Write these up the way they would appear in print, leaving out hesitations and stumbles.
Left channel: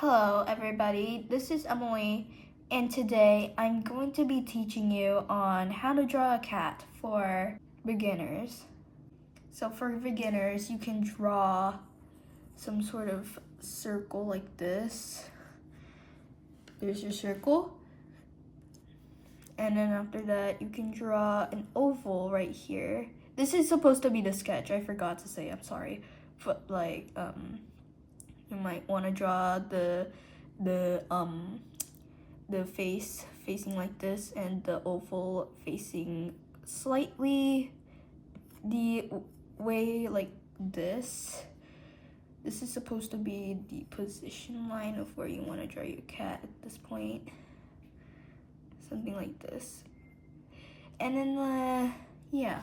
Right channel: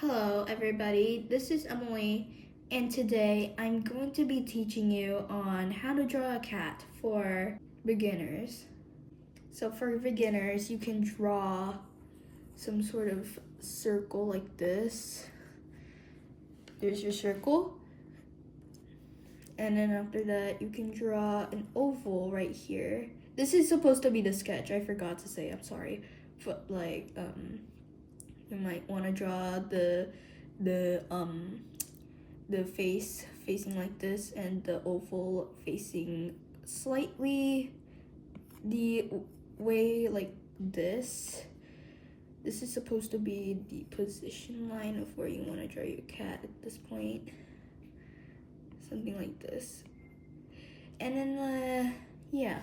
Hello everybody, this is Emily, and today I'm going to be teaching you on how to draw a cat for beginners. So for beginners, you can draw some sort of circle like this. There's your circle. And then after that, you can draw an oval right here. This is supposed to be the sketch, I forgot to say, I'm sorry. But you might want to draw the face facing like this and the oval facing slightly the way like this. This is supposed to be the position line of where you want to draw your cat at this point. Something like this. And then yeah.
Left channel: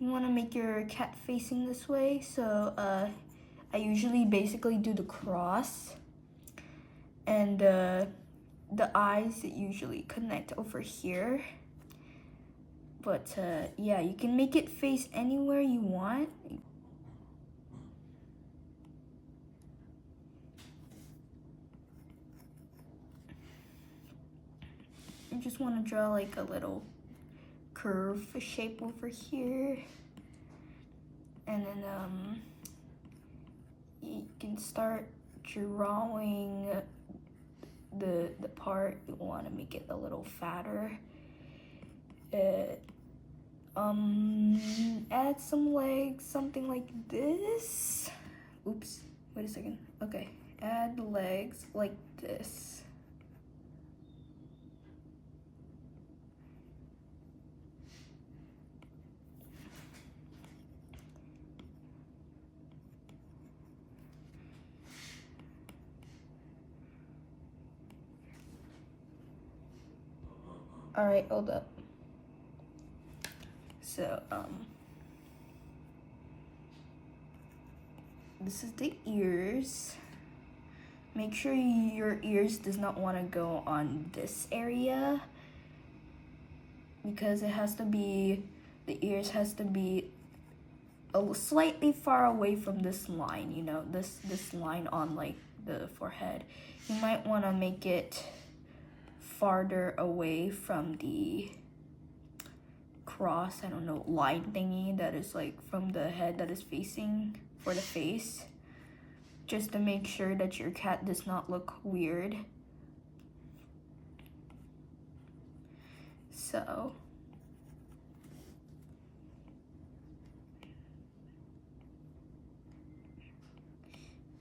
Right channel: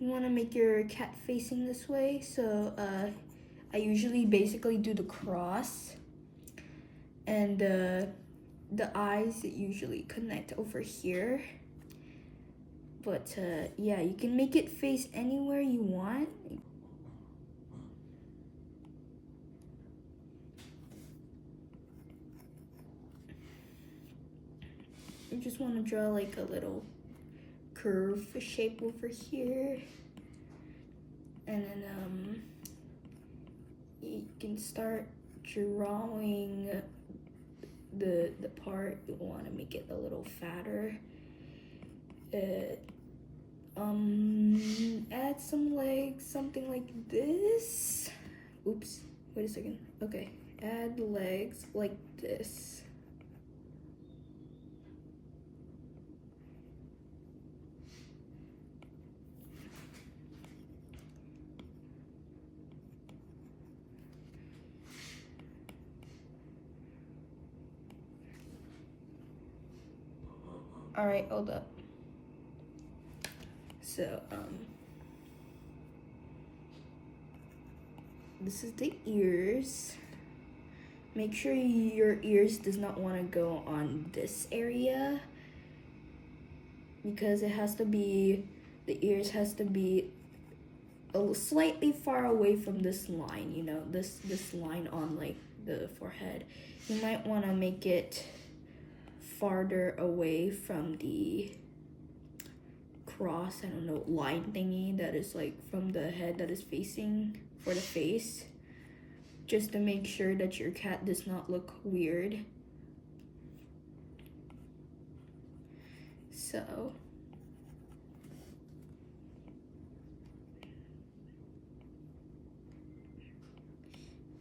You want to make your cat facing this way, so I usually basically do the cross, and the eyes usually connect over here. But yeah, you can make it face anywhere you want. You just want to draw like a little curve shape over here, and then you can start drawing the part you want to make it a little fatter. Add some legs, something like this. Oops, wait a second. Okay, add legs like this. All right, hold up. So, this is the ears. Make sure your ears does not want to go on this area, because it has to be, the ears has to be slightly far away from this line, you know, this line on like the forehead. You might want to make it farther away from the cross, I don't know, line thingy that is like from the head that is facing for the face, just to make sure that your cat does not look weird. So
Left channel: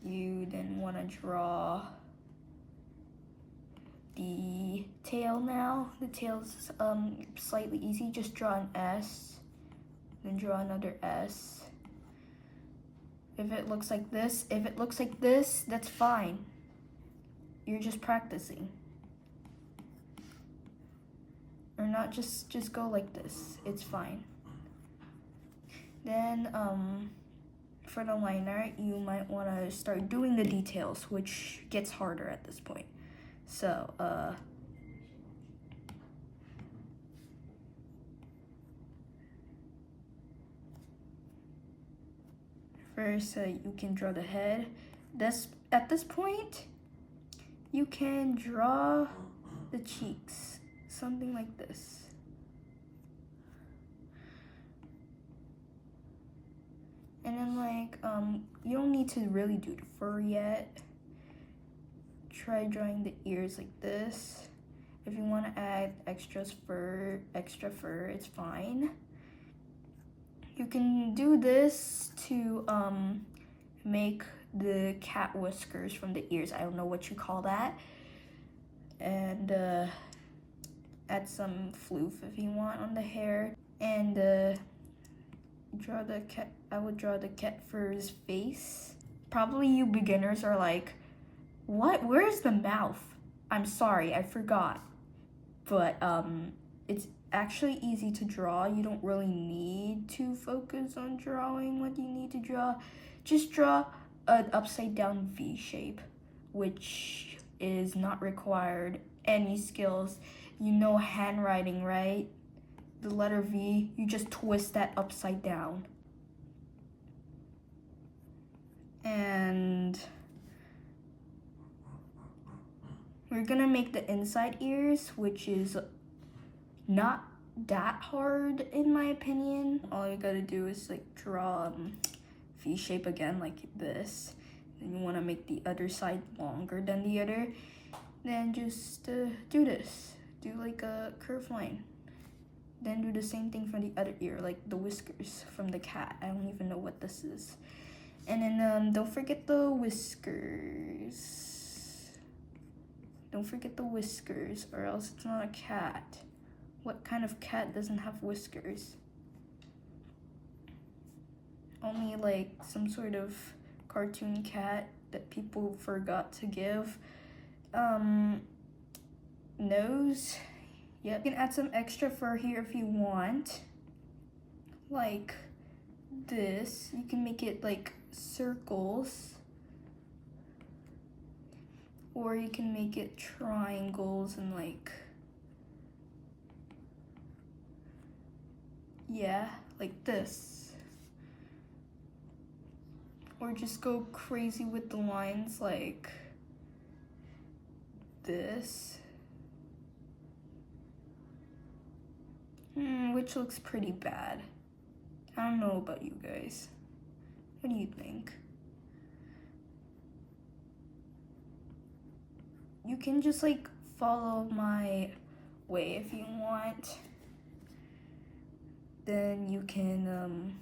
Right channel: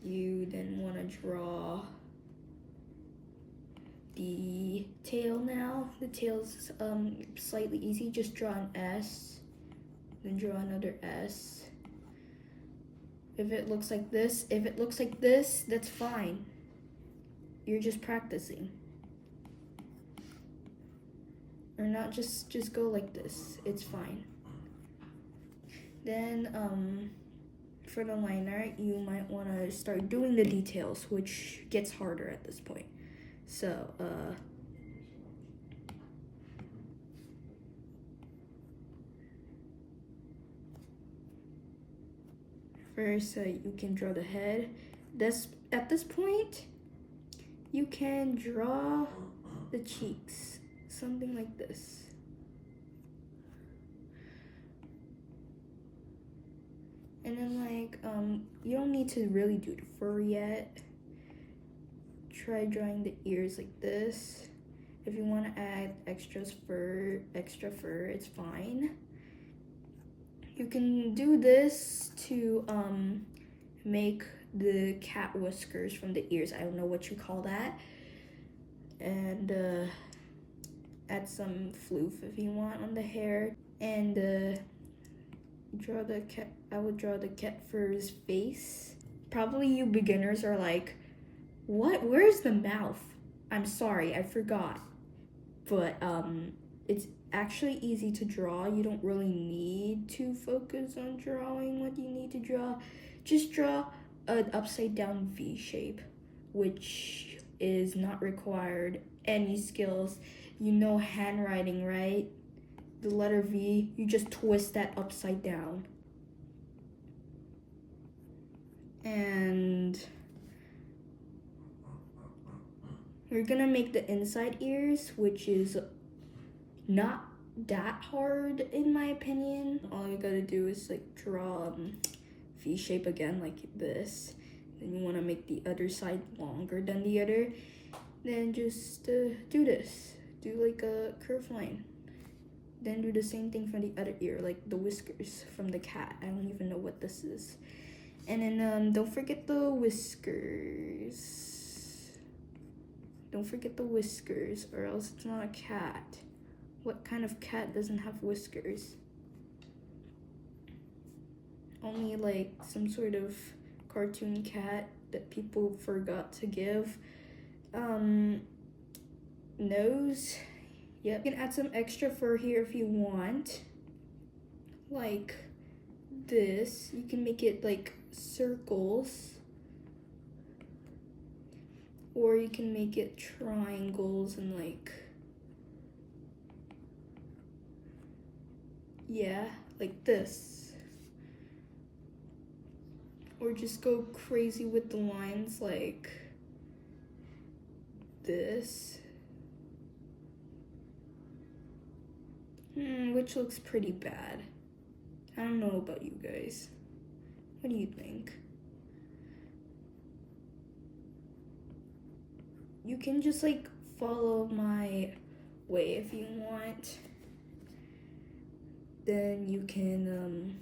you then want to draw the tail now. The tail's slightly easy. Just draw an S, then draw another S. If it looks like this, that's fine. You're just practicing. Or not, just go like this. It's fine. Then for the liner, you might want to start doing the details, which gets harder at this point. So, first, you can draw the head. At this point, you can draw the cheeks, something like this. And then you don't need to really do the fur yet. Try drawing the ears like this. If you want to add extra fur, it's fine. You can do this to make the cat whiskers from the ears. I don't know what you call that. And add some floof if you want on the hair. And draw the cat. I would draw the cat fur's face. Probably you beginners are like, what? Where's the mouth? I'm sorry, I forgot. But it's actually easy to draw. You don't really need to focus on drawing what you need to draw. Just draw an upside down V shape, which is not required any skills. You know handwriting, right? The letter V, you just twist that upside down. And We're gonna make the inside ears, which is not that hard in my opinion. All you gotta do is like draw V shape again like this. Then you wanna make the other side longer than the other. Then just do this. Do like a curved line. Then do the same thing for the other ear, like the whiskers from the cat. I don't even know what this is. And then don't forget the whiskers. Don't forget the whiskers, or else it's not a cat. What kind of cat doesn't have whiskers? Only like some sort of cartoon cat that people forgot to give. Nose. Yep. You can add some extra fur here if you want. Like this. You can make it like circles. Or you can make it triangles and like, yeah, like this. Or just go crazy with the lines like this. Which looks pretty bad. I don't know about you guys. What do you think? You can just like follow my way if you want. Then you can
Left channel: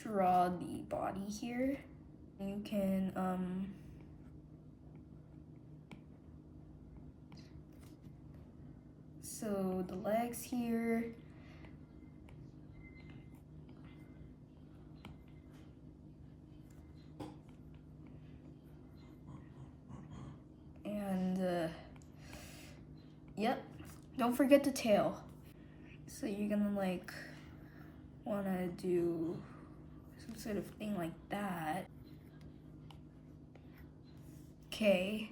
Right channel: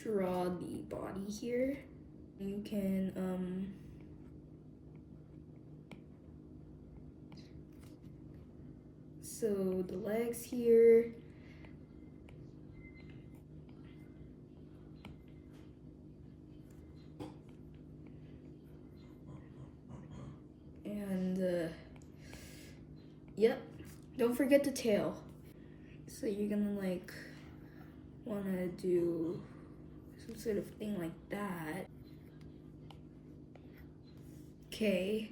draw the body here. You can so the legs here. And yep, don't forget the tail. So you're gonna like wanna do some sort of thing like that. Okay.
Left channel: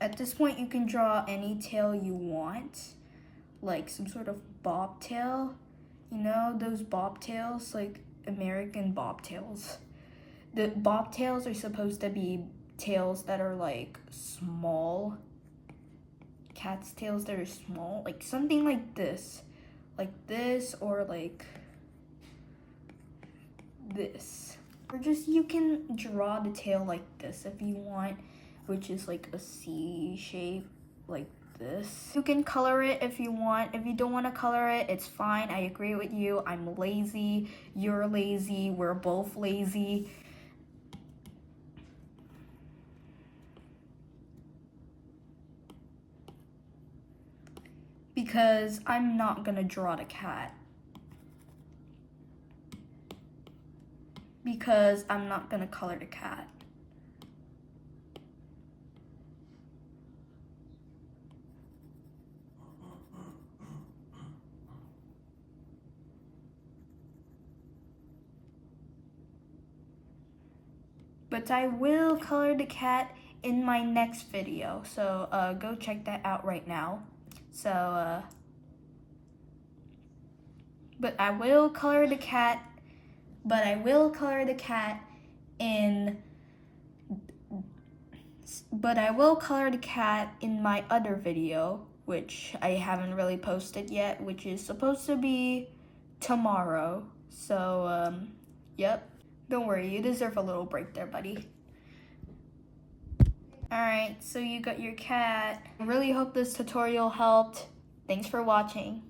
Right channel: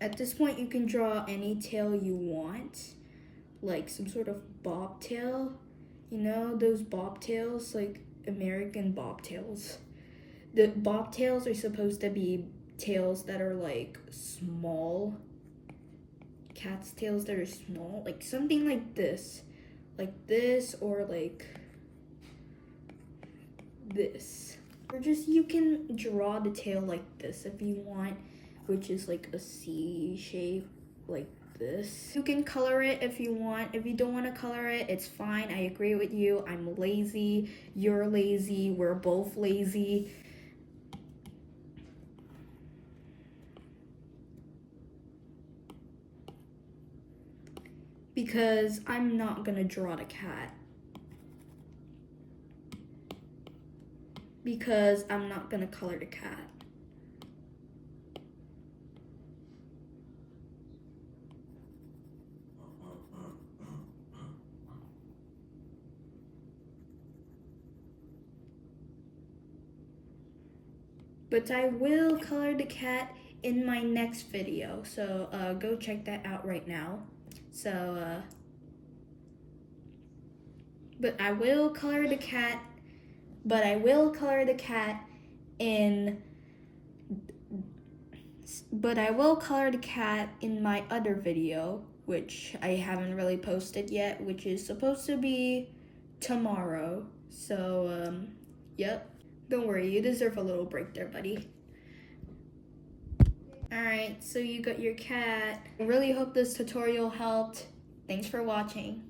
At this point, you can draw any tail you want, like some sort of bobtail. You know, those bobtails, like American bobtails. The bobtails are supposed to be tails that are like small. Cat's tails that are small, like something like this, or like this. Or just you can draw the tail like this if you want, which is like a C shape, like this. You can color it if you want. If you don't want to color it, it's fine. I agree with you. I'm lazy. You're lazy. We're both lazy. Because I'm not gonna draw the cat. Because I'm not gonna color the cat. But I will color the cat in my next video, so go check that out right now. So, but I will color the cat, in my other video, which I haven't really posted yet, which is supposed to be tomorrow. So, yep. Don't worry, you deserve a little break there, buddy. Alright, so you got your cat. I really hope this tutorial helped. Thanks for watching.